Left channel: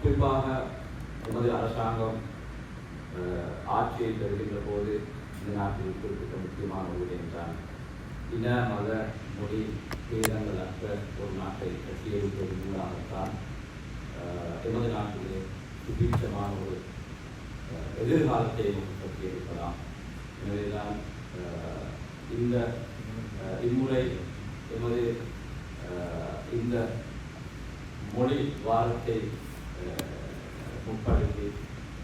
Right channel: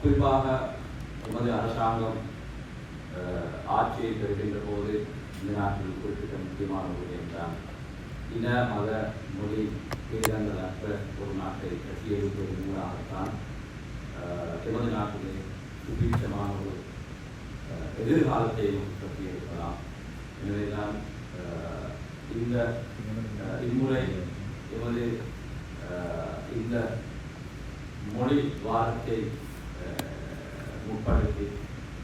முக்கியமாக நமது அரசாங்கம் ஆட்சியை தருகின்ற போது இந்த நாட்டில் குறிப்பிட்ட முக்கியமான ஒரு என்றால் இன மத மொழி விகிதங்களற்ற ஒரு நாட்டை கட்டியெழுப்பது மூலமாகத்தான் எமது நாட்டிலே சுபீட்சமான ஒரு எதிர்காலத்தை கட்டியிருக்கலாம் எனவேதான் இந்த இம்முறை எமது இந்த மொழி வாரத்தை முற்படுத்தி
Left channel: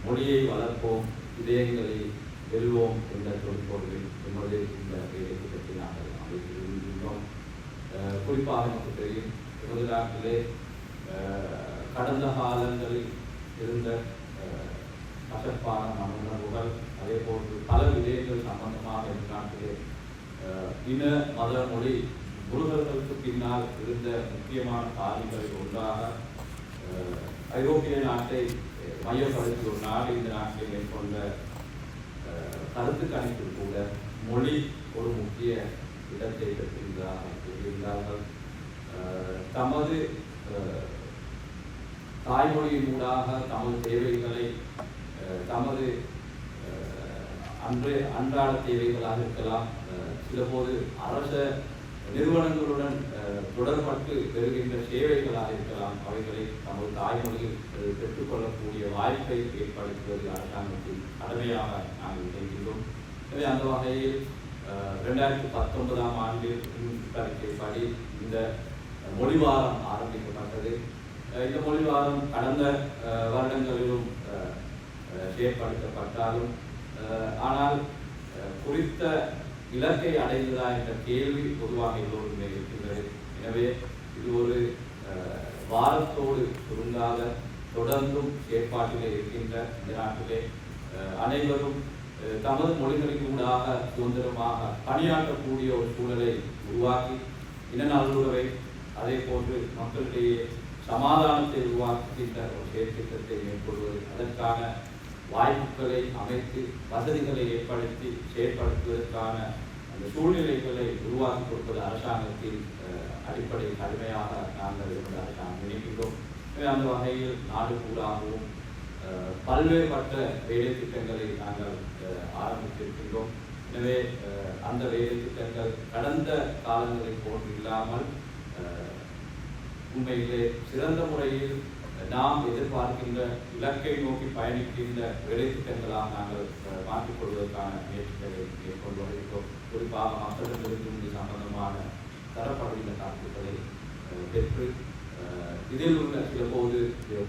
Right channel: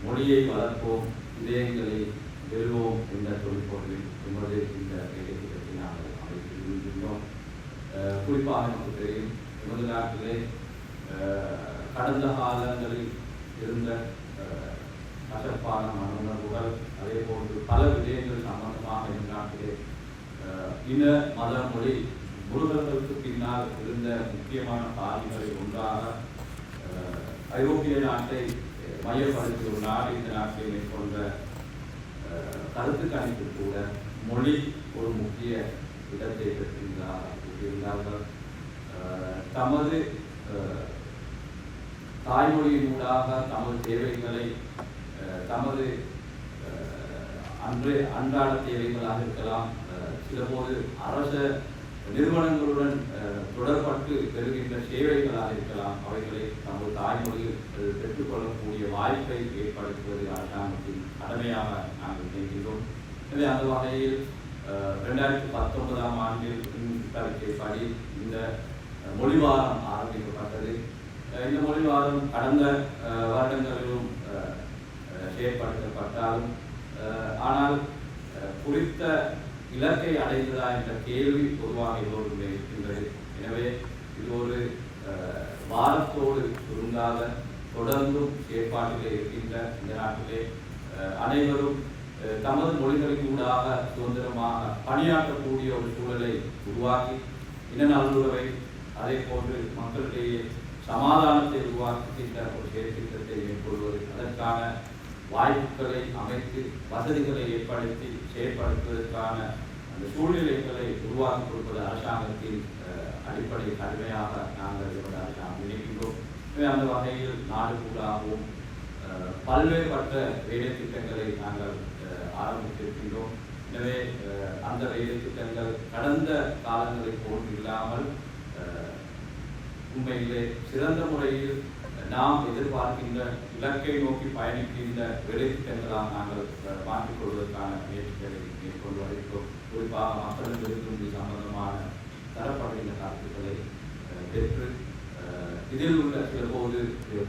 மொழியை வளர்ப்போம் இதயங்களை பெறுவோம் என்ற தொழில்பொருளில் எமது இந்த வேலையை பற்றி நாங்கள் அமைத்திருக்கின்றோம் குறிப்பாக நமக்கு தெரியும் எமது நாட்டிலே கடந்த காலங்களில் இருந்த கசப்பான மனவுணர்வுகள் அதே போன்று பல விடயங்கள் சம்பந்தமாக இந்த நாட்டிலே இன மத மொழி முருகர்களுக்கு பின்னால் இருந்த முக்கியமான காரியங்களில் ஒன்றாக ஐரோப்பிய நாட்டை மையப்படுத்தி ஒரு நாடு இந்த நாட்டில் மேற்கொண்ட கருத்து கணிப்பு கூட மொழி ஒரு முக்கிய இடத்தை பெற்றிருந்தார்கள். தமது தாய்மொழியினூடாக தமது தேவைகளை தமது அன்று அன்றாட தேவைகளாக இருக்கலாம். சிலபோது அரச நிறுவனங்களுடன் தொடர்பட்டு பெறுகின்ற சேவைகளாக இருக்கலாம். அவைகளை நமது தாய்மொழி பெற்றுக்கொள்ளக்கூடிய வாய்ப்பை ஏற்படுத்துவது அரசாங்கத்தின் கடமையாக நாங்கள் நினைக்கின்றோம். எனவே அந்த வகையில் ரெண்டாயிரத்தி பத்தொன்பதாம் ஆண்டில் படி இந்த மொழி வாரம் ஆரம்பிக்கப்பட்டது. இந்த மொழி வாரம் கடந்த வருடங்களிலும் செயற்படுத்தப்பட்டாலும் ஆனால் குறித்த இலக்கை அடைந்ததா என்ற கேள்வி பொதுவாக எல்லோருமே இருக்கின்றது. எனவே இது ஒரு வாரத்தோடு சுருங்காத தொடர்ந்தும் ஏற்பாட்டிலே இருக்கின்ற இந்த நாட்டிலே அனைவரும் தமது மொழிகளுக்கு ஊடாக சுதந்திரமாக பணியாற்றக்கூடிய ஒரு சூழலை உருவாக்கி இன நல்லுறவை அதே போன்று மக்களிடையே சமாதானத்தை உருவாக்குகின்ற ஒரு செயற்திட்டத்தை மேற்கொள்வது அதற்கான வாய்ப்புகளை அமைத்து வசதிகளை ஏற்படுத்தி செயற்படுத்துவதற்கான அந்த சூழ்நிலைகளை உருவாக்கி கொடுப்பது அரசாங்கத்தின் அடிப்படை கடமையாக நாங்கள் இந்த அரசாங்கம் நினைக்கின்றோம். அந்த வகையில் நாடு கூடாகவும் பல்வேறுபட்ட வேலை திட்டங்களை நாங்கள் ஆரம்பித்திருக்கின்றோம் எனவே அந்த வேலை திட்டங்கள் கடந்த காலங்களை போல் இல்லாமல் உண்மையிலே சிறந்த முறையில் நாம் எதிர்பார்க்கின்ற இலக்கை நோக்கி பயணிக்கின்ற வேலை திட்டங்களாக நாங்கள் மாற்றிக் கொள்வதற்கான முயற்சிகளை மேற்கொண்டு குறிப்பாக மக்களுக்கு இது சம்பந்தமான தரப்படுகின்ற கருத்துக்களை பெற்று இதில் உள்ள சில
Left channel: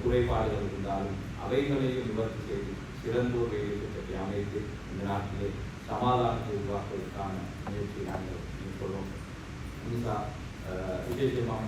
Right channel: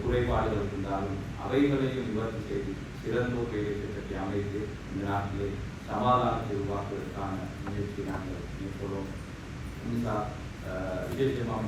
குறைபாடுகள் இருந்தாலும் அவைகளையும் நிவர்த்தி செய்து சிறந்த ஒரு வேலை அமைத்து இந்த நாட்டிலே சமாதானத்தை உருவாக்குவதற்கான முயற்சியை நாங்கள் மேற்கொள்வோம். விசேஷமாக